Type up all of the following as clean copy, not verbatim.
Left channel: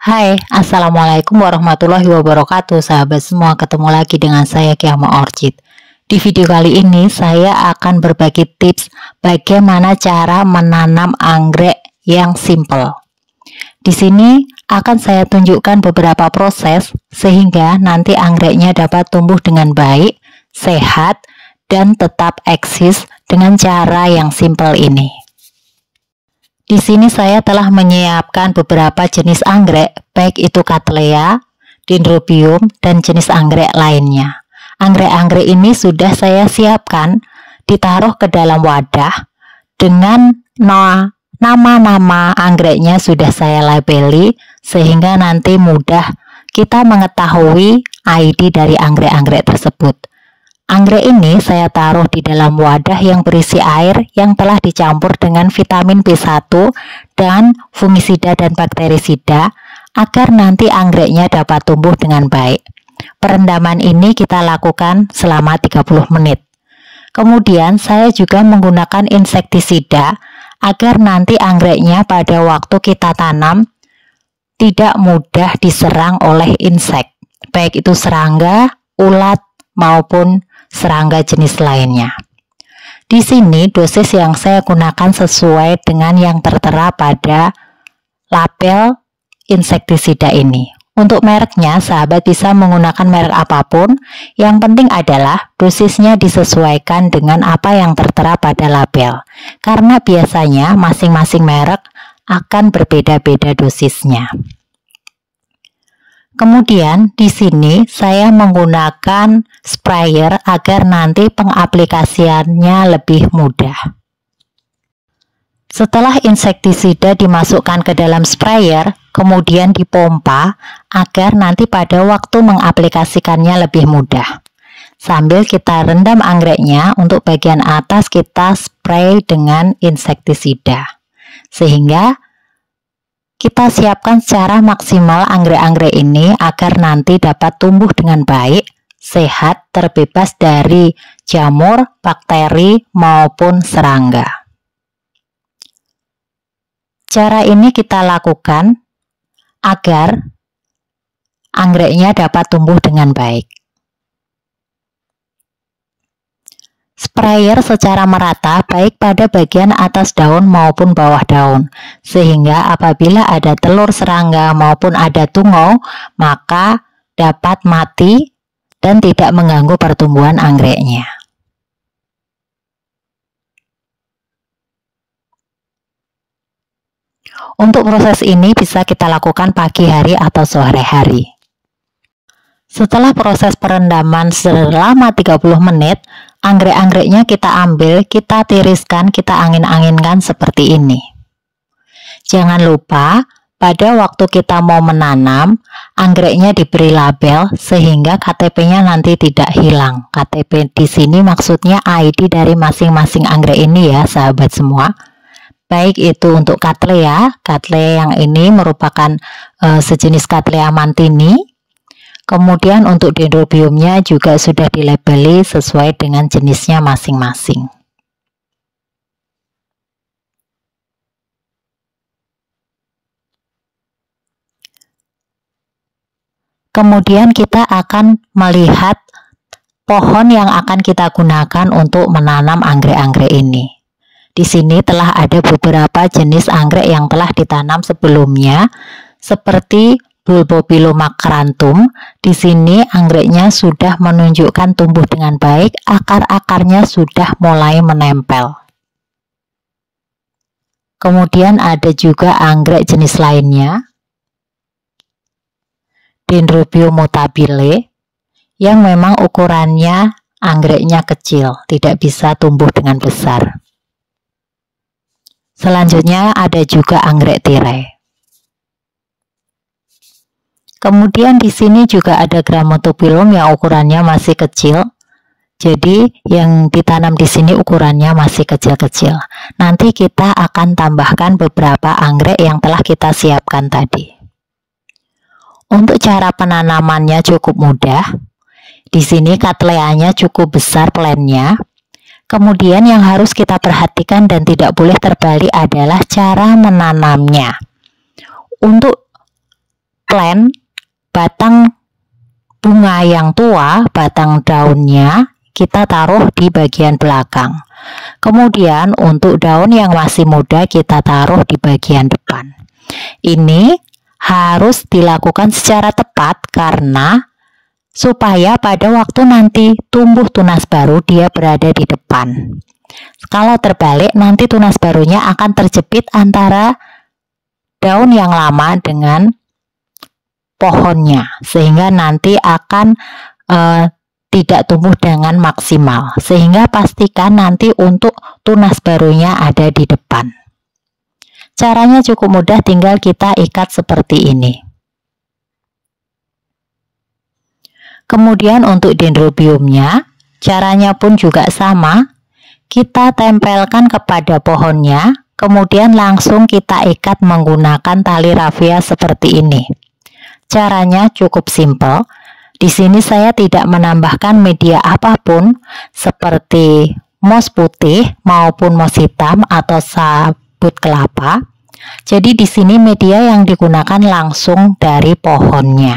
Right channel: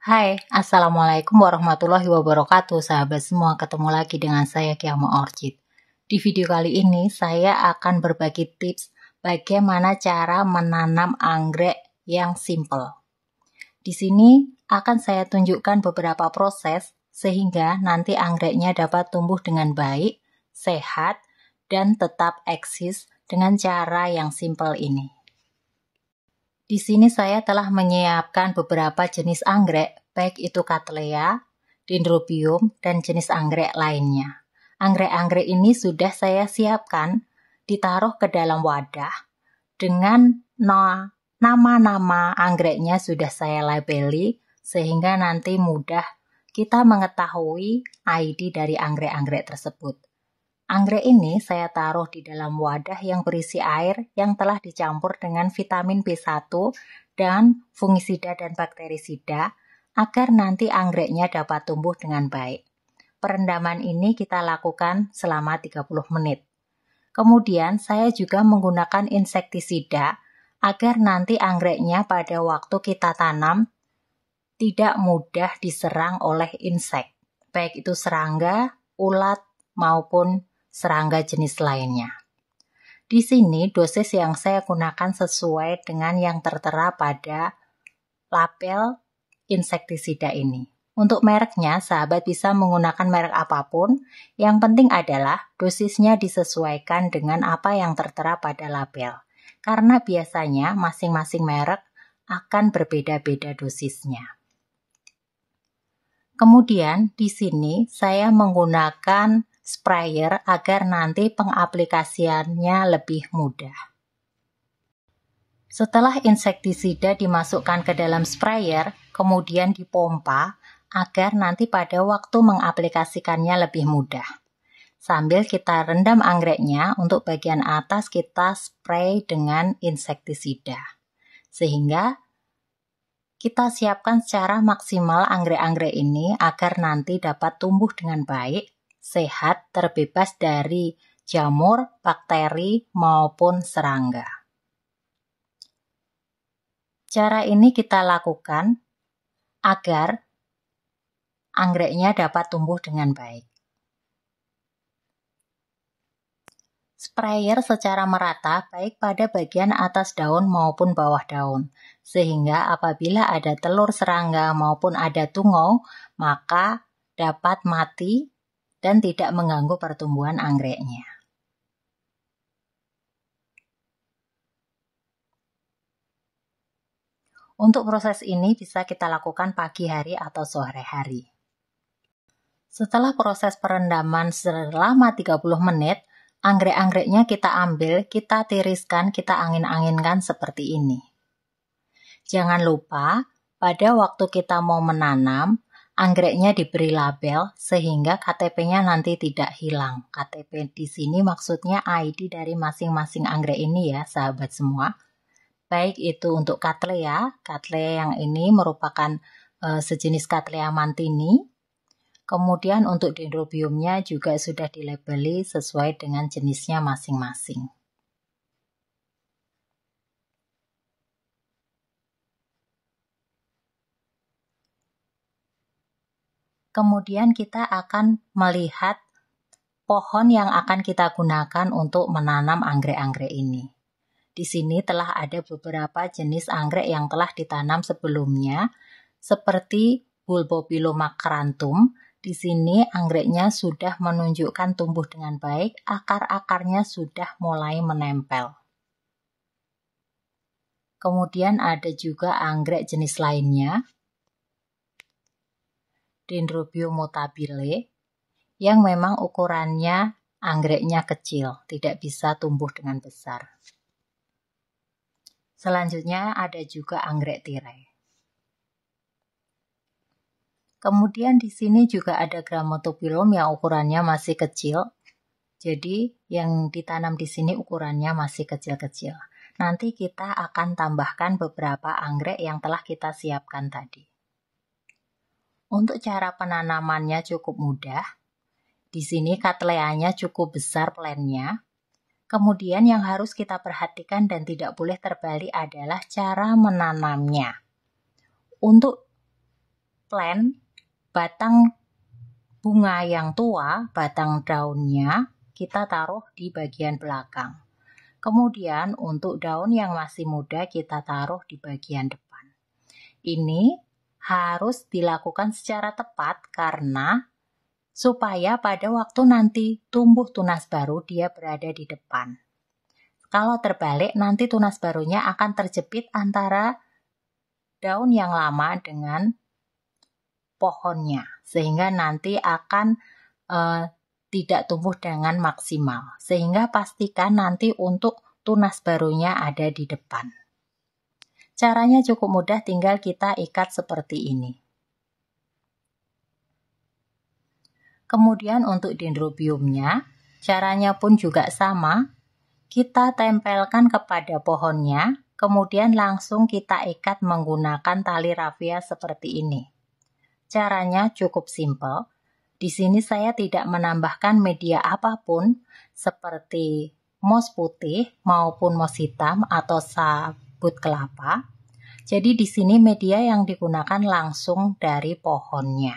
Hai, Assalamualaikum warahmatullahi wabarakatuh sahabat semua, ketemu lagi dengan saya Kiama Orchid. Di video kali ini saya akan berbagi tips bagaimana cara menanam anggrek yang simple. Di sini akan saya tunjukkan beberapa proses sehingga nanti anggreknya dapat tumbuh dengan baik, sehat, dan tetap eksis dengan cara yang simple ini. Di sini saya telah menyiapkan beberapa jenis anggrek, baik itu Cattleya, Dendrobium, dan jenis anggrek lainnya. Anggrek-anggrek ini sudah saya siapkan, ditaruh ke dalam wadah dengan nama-nama anggreknya sudah saya labeli, sehingga nanti mudah kita mengetahui ID dari anggrek-anggrek tersebut. Anggrek ini saya taruh di dalam wadah yang berisi air yang telah dicampur dengan vitamin B1 dan fungisida dan bakterisida agar nanti anggreknya dapat tumbuh dengan baik. Perendaman ini kita lakukan selama 30 menit. Kemudian saya juga menggunakan insektisida agar nanti anggreknya pada waktu kita tanam tidak mudah diserang oleh insek, baik itu serangga, ulat, maupun serangga jenis lainnya. Di sini dosis yang saya gunakan sesuai dengan yang tertera pada label insektisida ini. Untuk mereknya, sahabat bisa menggunakan merek apapun, yang penting adalah dosisnya disesuaikan dengan apa yang tertera pada label. Karena biasanya masing-masing merek akan berbeda-beda dosisnya. Kemudian di sini saya menggunakan sprayer agar nanti pengaplikasiannya lebih mudah. Setelah insektisida dimasukkan ke dalam sprayer, kemudian dipompa agar nanti pada waktu mengaplikasikannya lebih mudah. Sambil kita rendam anggreknya, untuk bagian atas kita spray dengan insektisida. Sehingga kita siapkan secara maksimal anggrek-anggrek ini agar nanti dapat tumbuh dengan baik, sehat, terbebas dari jamur, bakteri, maupun serangga. Cara ini kita lakukan agar anggreknya dapat tumbuh dengan baik. Sprayer secara merata baik pada bagian atas daun maupun bawah daun, sehingga apabila ada telur serangga maupun ada tungau, maka dapat mati dan tidak mengganggu pertumbuhan anggreknya. Untuk proses ini bisa kita lakukan pagi hari atau sore hari. Setelah proses perendaman selama 30 menit, anggrek-anggreknya kita ambil, kita tiriskan, kita angin-anginkan seperti ini. Jangan lupa, pada waktu kita mau menanam, anggreknya diberi label sehingga KTP-nya nanti tidak hilang. KTP di sini maksudnya ID dari masing-masing anggrek ini ya, sahabat semua. Baik itu untuk Cattleya yang ini merupakan sejenis Cattleya mantini. Kemudian untuk Dendrobiumnya juga sudah dilabeli sesuai dengan jenisnya masing-masing. Kemudian kita akan melihat pohon yang akan kita gunakan untuk menanam anggrek-anggrek ini. Di sini telah ada beberapa jenis anggrek yang telah ditanam sebelumnya, seperti Bulbophyllum macranthum. Di sini anggreknya sudah menunjukkan tumbuh dengan baik, akar-akarnya sudah mulai menempel. Kemudian ada juga anggrek jenis lainnya, Dendrobium mutabile, yang memang ukurannya anggreknya kecil, tidak bisa tumbuh dengan besar. Selanjutnya ada juga anggrek tirai. Kemudian di sini juga ada Grammatophyllum yang ukurannya masih kecil. Jadi yang ditanam di sini ukurannya masih kecil-kecil. Nanti kita akan tambahkan beberapa anggrek yang telah kita siapkan tadi. Untuk cara penanamannya cukup mudah. Di sini Cattleyanya cukup besar plannya. Kemudian yang harus kita perhatikan dan tidak boleh terbalik adalah cara menanamnya. Untuk plant, batang bunga yang tua, batang daunnya kita taruh di bagian belakang. Kemudian untuk daun yang masih muda kita taruh di bagian depan. Ini harus dilakukan secara tepat karena supaya pada waktu nanti tumbuh tunas baru dia berada di depan. Kalau terbalik nanti tunas barunya akan terjepit antara daun yang lama dengan pohonnya, sehingga nanti akan tidak tumbuh dengan maksimal. Sehingga pastikan nanti untuk tunas barunya ada di depan. Caranya cukup mudah, tinggal kita ikat seperti ini. Kemudian untuk dendrobiumnya, caranya pun juga sama. Kita tempelkan kepada pohonnya, kemudian langsung kita ikat menggunakan tali rafia seperti ini. Caranya cukup simpel. Di sini saya tidak menambahkan media apapun seperti moss putih maupun moss hitam atau sabut kelapa. Jadi di sini media yang digunakan langsung dari pohonnya.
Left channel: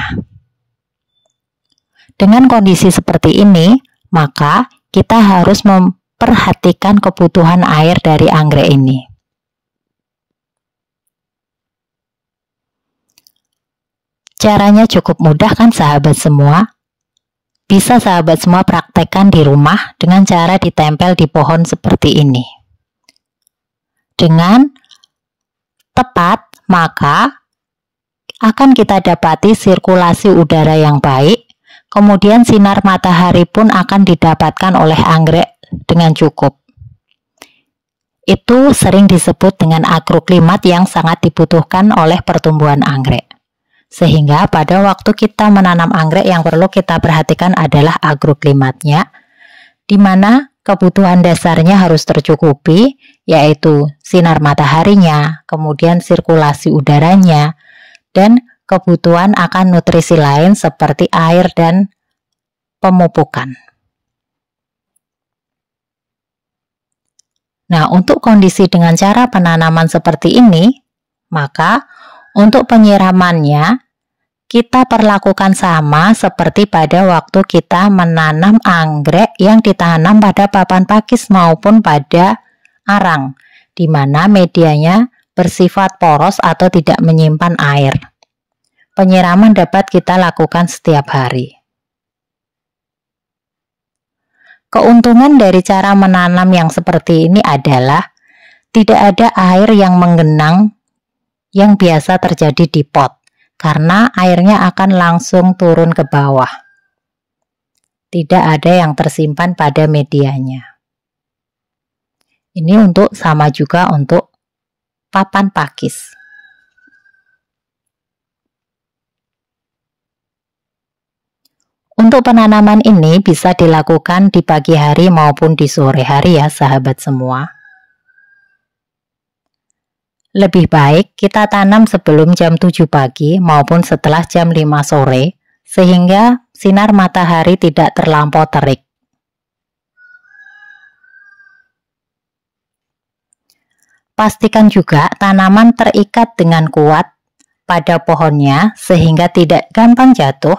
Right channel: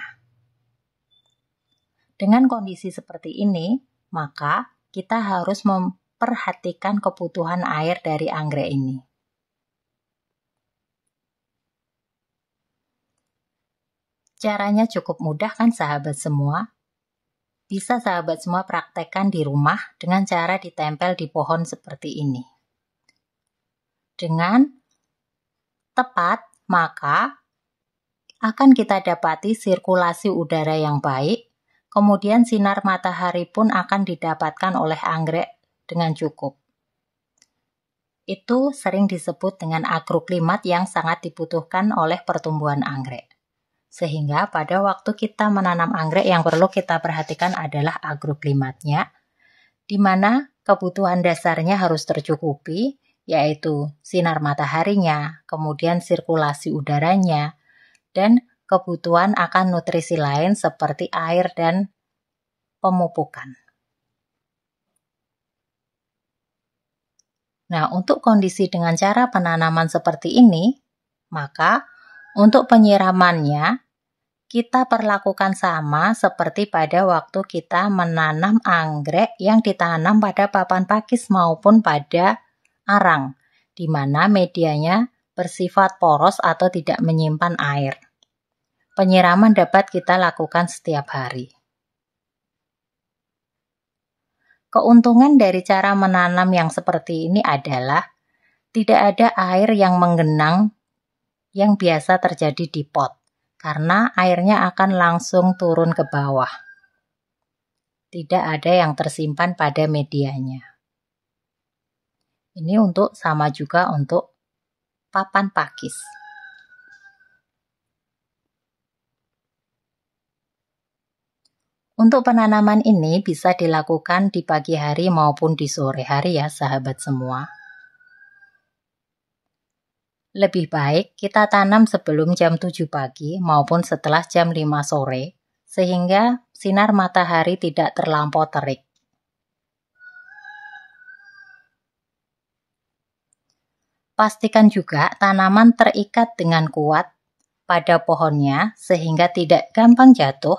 Dengan kondisi seperti ini, maka kita harus memperhatikan kebutuhan air dari anggrek ini. Caranya cukup mudah kan sahabat semua? Bisa sahabat semua praktekkan di rumah dengan cara ditempel di pohon seperti ini. Dengan tepat, maka akan kita dapati sirkulasi udara yang baik, kemudian sinar matahari pun akan didapatkan oleh anggrek dengan cukup. Itu sering disebut dengan agroklimat yang sangat dibutuhkan oleh pertumbuhan anggrek. Sehingga pada waktu kita menanam anggrek yang perlu kita perhatikan adalah agroklimatnya, di mana kebutuhan dasarnya harus tercukupi, yaitu sinar mataharinya, kemudian sirkulasi udaranya, dan kebutuhan akan nutrisi lain seperti air dan pemupukan. Nah, untuk kondisi dengan cara penanaman seperti ini, maka untuk penyiramannya kita perlakukan sama seperti pada waktu kita menanam anggrek yang ditanam pada papan pakis maupun pada arang, di mana medianya bersifat poros atau tidak menyimpan air. Penyiraman dapat kita lakukan setiap hari. Keuntungan dari cara menanam yang seperti ini adalah tidak ada air yang menggenang yang biasa terjadi di pot, karena airnya akan langsung turun ke bawah. Tidak ada yang tersimpan pada medianya. Ini sama juga untuk papan pakis. Untuk penanaman ini bisa dilakukan di pagi hari maupun di sore hari ya sahabat semua. Lebih baik kita tanam sebelum jam 7 pagi maupun setelah jam 5 sore, sehingga sinar matahari tidak terlampau terik. Pastikan juga tanaman terikat dengan kuat pada pohonnya sehingga tidak gampang jatuh,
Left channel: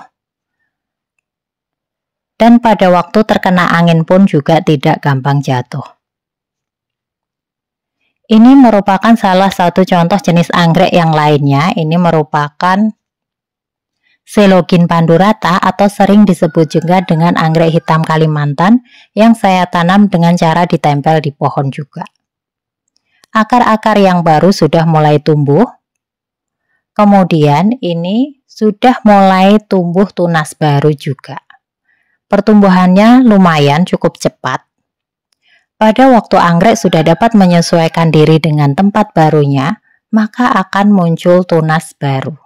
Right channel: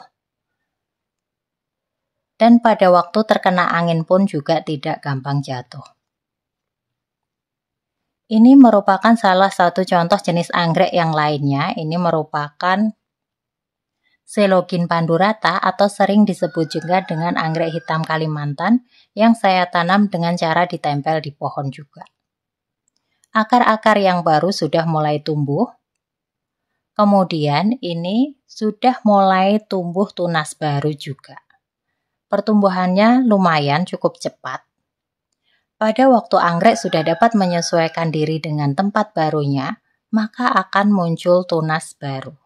dan pada waktu terkena angin pun juga tidak gampang jatuh. Ini merupakan salah satu contoh jenis anggrek yang lainnya. Ini merupakan Coelogin pandurata atau sering disebut juga dengan anggrek hitam Kalimantan yang saya tanam dengan cara ditempel di pohon juga. Akar-akar yang baru sudah mulai tumbuh. Kemudian ini sudah mulai tumbuh tunas baru juga. Pertumbuhannya lumayan cukup cepat. Pada waktu anggrek sudah dapat menyesuaikan diri dengan tempat barunya, maka akan muncul tunas baru.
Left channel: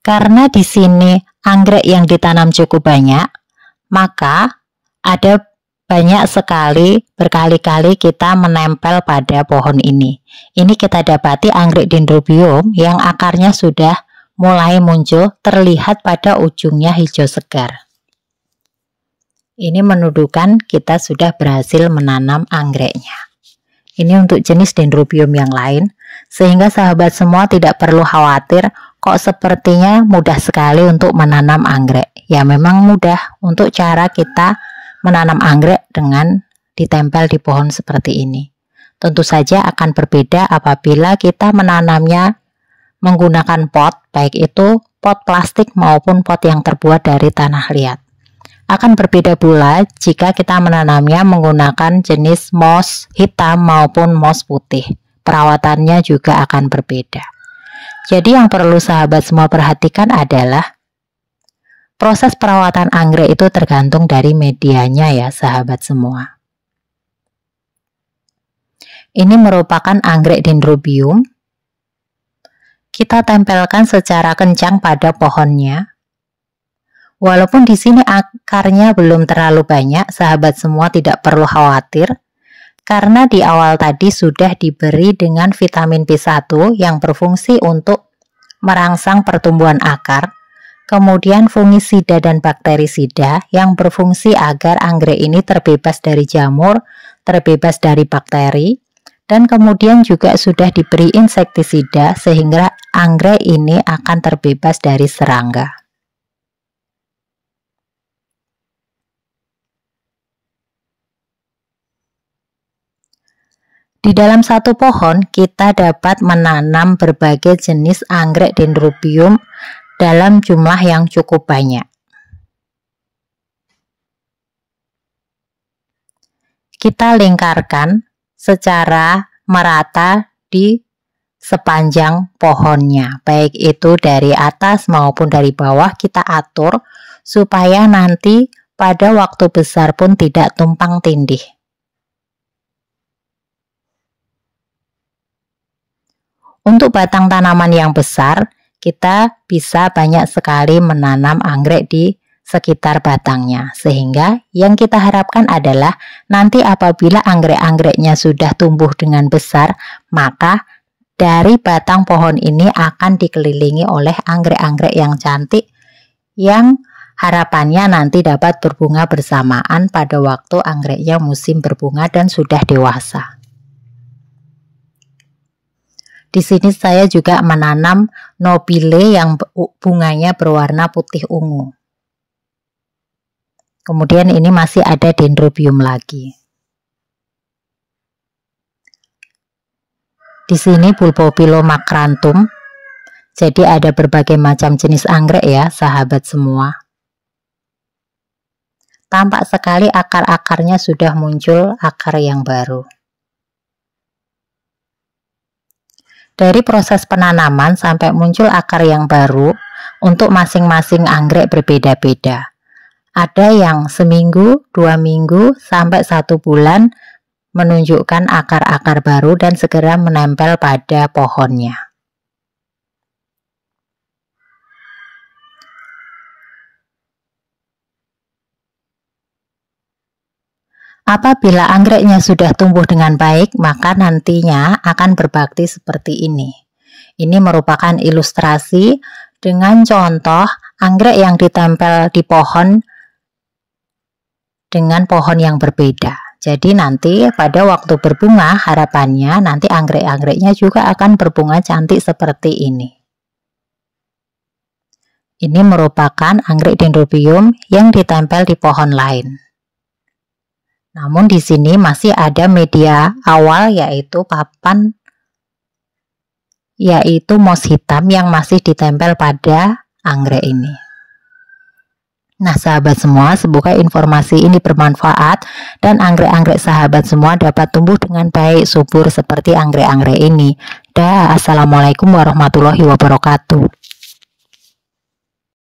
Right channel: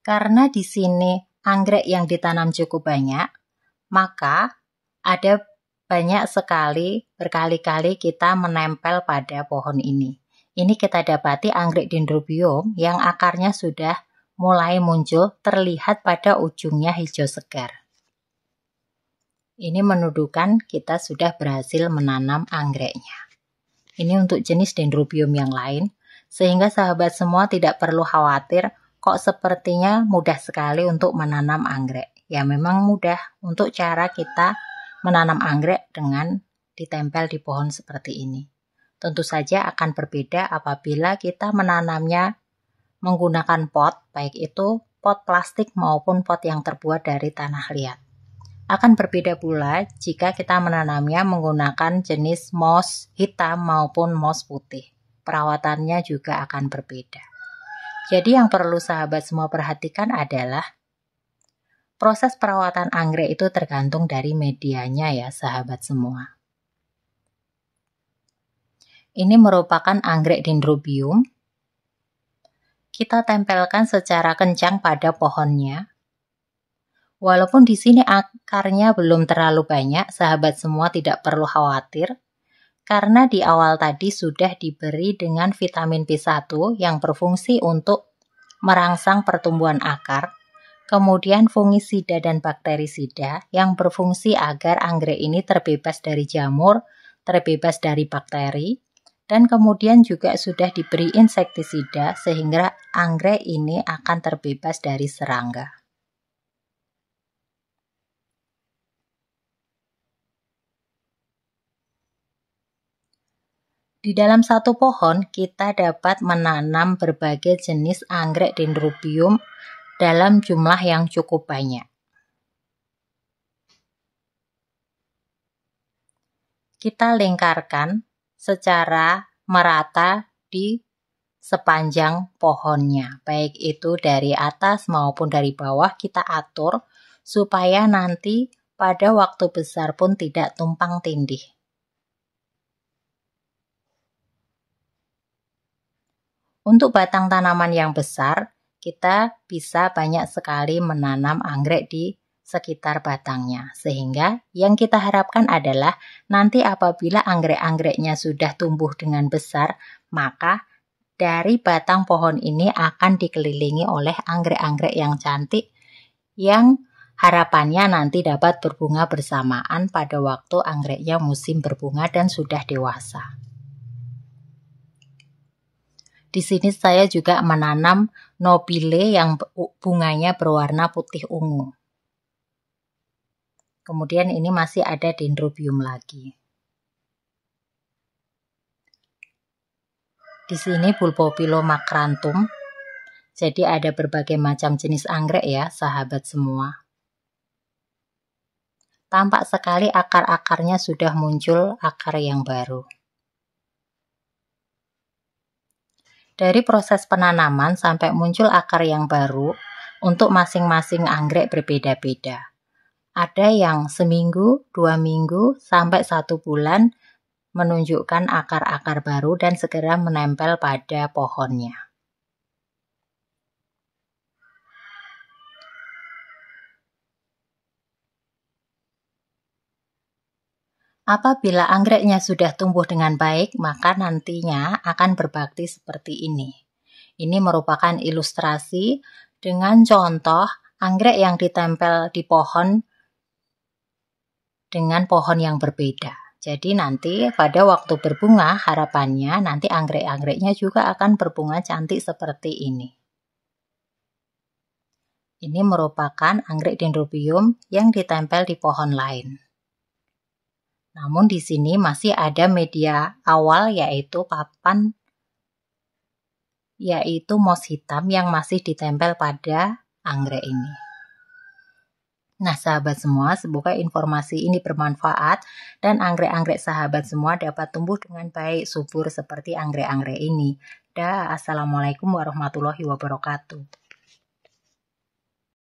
Karena di sini anggrek yang ditanam cukup banyak, maka ada banyak sekali berkali-kali kita menempel pada pohon ini. Ini kita dapati anggrek dendrobium yang akarnya sudah mulai muncul, terlihat pada ujungnya hijau segar. Ini menunjukkan kita sudah berhasil menanam anggreknya. Ini untuk jenis dendrobium yang lain. Sehingga sahabat semua tidak perlu khawatir, kok sepertinya mudah sekali untuk menanam anggrek. Ya memang mudah untuk cara kita menanam anggrek dengan ditempel di pohon seperti ini. Tentu saja akan berbeda apabila kita menanamnya menggunakan pot, baik itu pot plastik maupun pot yang terbuat dari tanah liat. Akan berbeda pula jika kita menanamnya menggunakan jenis moss hitam maupun moss putih. Perawatannya juga akan berbeda. Jadi yang perlu sahabat semua perhatikan adalah proses perawatan anggrek itu tergantung dari medianya ya sahabat semua. Ini merupakan anggrek dendrobium. Kita tempelkan secara kencang pada pohonnya. Walaupun di sini akarnya belum terlalu banyak, sahabat semua tidak perlu khawatir karena di awal tadi sudah diberi dengan vitamin B1 yang berfungsi untuk merangsang pertumbuhan akar, kemudian fungisida dan bakterisida yang berfungsi agar anggrek ini terbebas dari jamur, terbebas dari bakteri, dan kemudian juga sudah diberi insektisida sehingga anggrek ini akan terbebas dari serangga. Di dalam satu pohon, kita dapat menanam berbagai jenis anggrek dendrobium dalam jumlah yang cukup banyak. Kita lingkarkan secara merata di sepanjang pohonnya, baik itu dari atas maupun dari bawah kita atur supaya nanti pada waktu besar pun tidak tumpang tindih. Untuk batang tanaman yang besar, kita bisa banyak sekali menanam anggrek di sekitar batangnya. Sehingga yang kita harapkan adalah nanti apabila anggrek-anggreknya sudah tumbuh dengan besar, maka dari batang pohon ini akan dikelilingi oleh anggrek-anggrek yang cantik yang harapannya nanti dapat berbunga bersamaan pada waktu anggreknya musim berbunga dan sudah dewasa. Di sini saya juga menanam nobile yang bunganya berwarna putih ungu. Kemudian ini masih ada dendrobium lagi. Di sini Bulbopilomacranthum. Jadi ada berbagai macam jenis anggrek ya, sahabat semua. Tampak sekali akar-akarnya sudah muncul akar yang baru. Dari proses penanaman sampai muncul akar yang baru, untuk masing-masing anggrek berbeda-beda. Ada yang seminggu, 2 minggu, sampai 1 bulan menunjukkan akar-akar baru dan segera menempel pada pohonnya. Apabila anggreknya sudah tumbuh dengan baik, maka nantinya akan berbakti seperti ini. Ini merupakan ilustrasi dengan contoh anggrek yang ditempel di pohon dengan pohon yang berbeda. Jadi nanti pada waktu berbunga, harapannya nanti anggrek-anggreknya juga akan berbunga cantik seperti ini. Ini merupakan anggrek dendrobium yang ditempel di pohon lain. Namun di sini masih ada media awal yaitu papan, yaitu moss hitam yang masih ditempel pada anggrek ini. Nah sahabat semua, semoga informasi ini bermanfaat dan anggrek-anggrek sahabat semua dapat tumbuh dengan baik, subur seperti anggrek-anggrek ini. Assalamualaikum warahmatullahi wabarakatuh.